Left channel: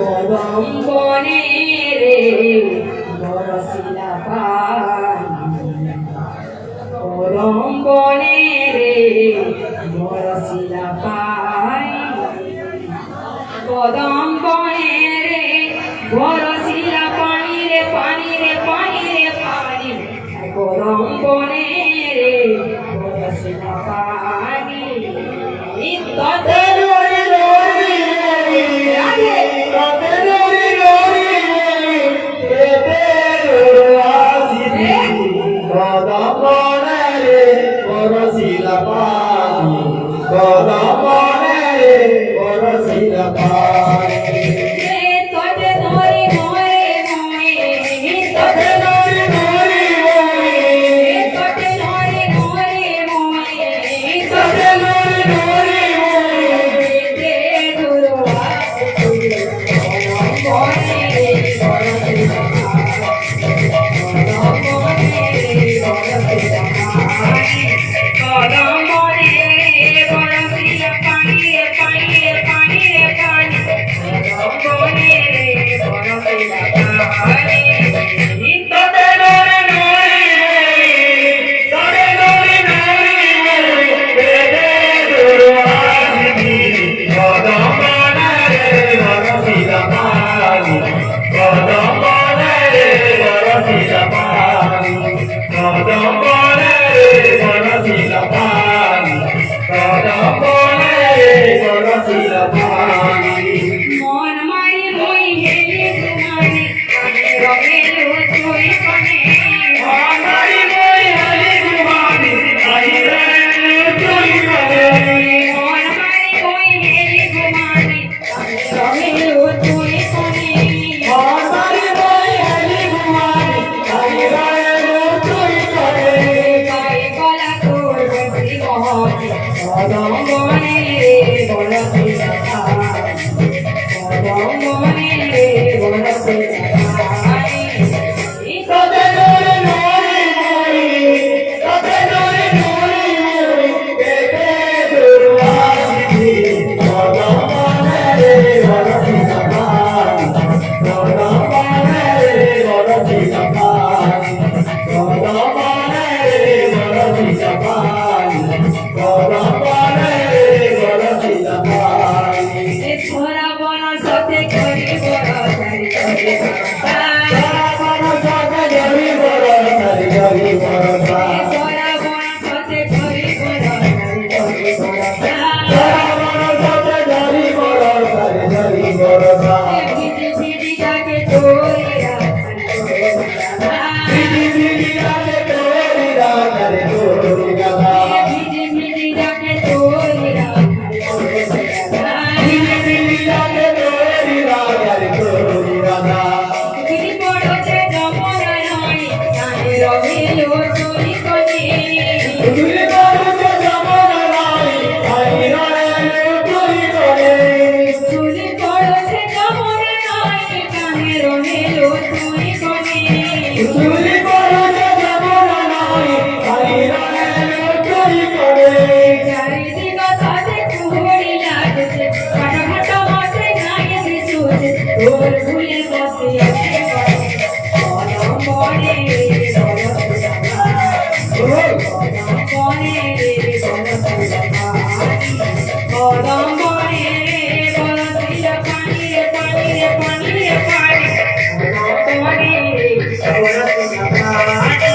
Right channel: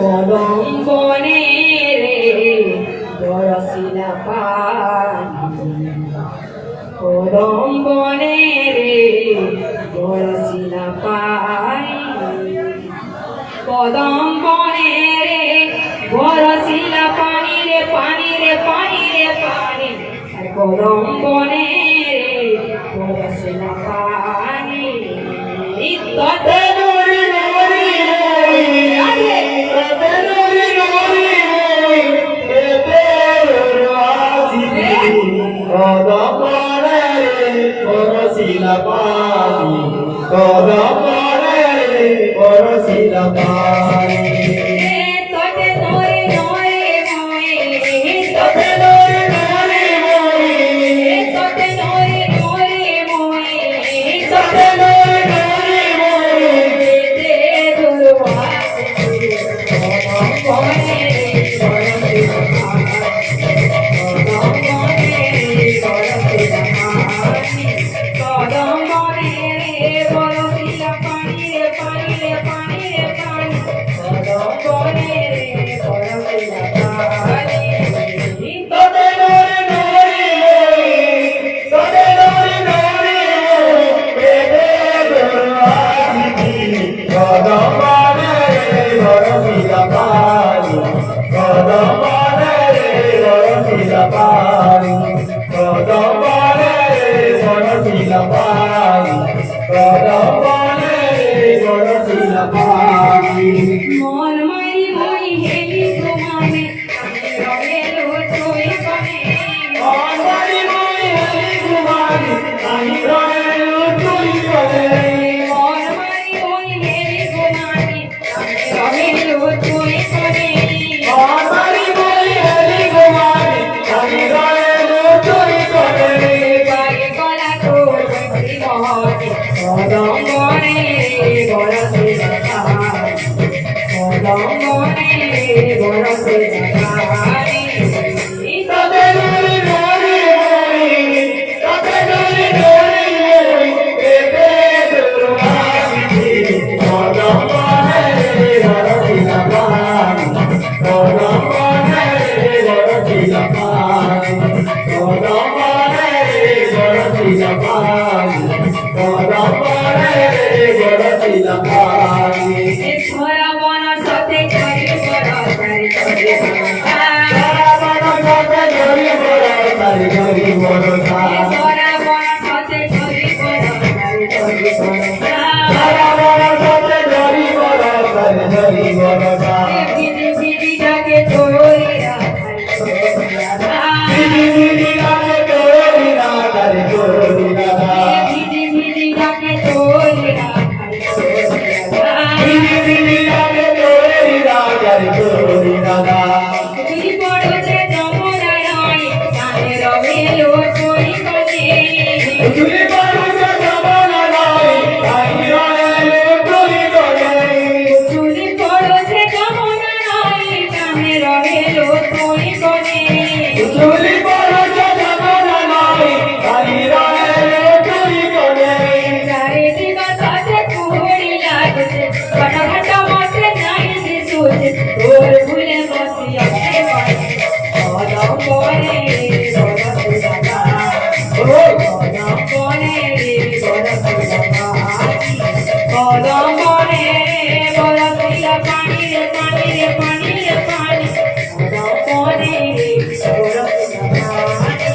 কদম বনে রে বরসিলা পানি, কদম বনে রে বরসিলা পানি, কদম বনে রে বরসিলা পানি রে পানি রে পানি রে পানি, কদম বনে রে বরসিলা পানি। Oh, কদম বনে বরসিল পানি রে পানি রে পানি রে পানি কদম বনে বরসিল পানি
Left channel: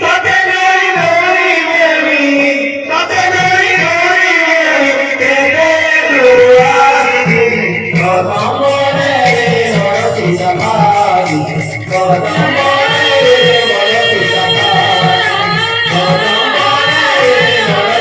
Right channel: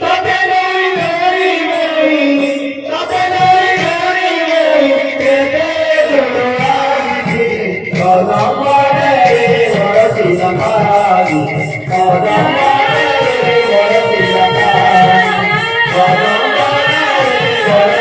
তাতে নই নই দেবী তাতে নই নই দেবী কদম বনে বরসিল পানি কদম বনে বরসিল পানি কদম বনে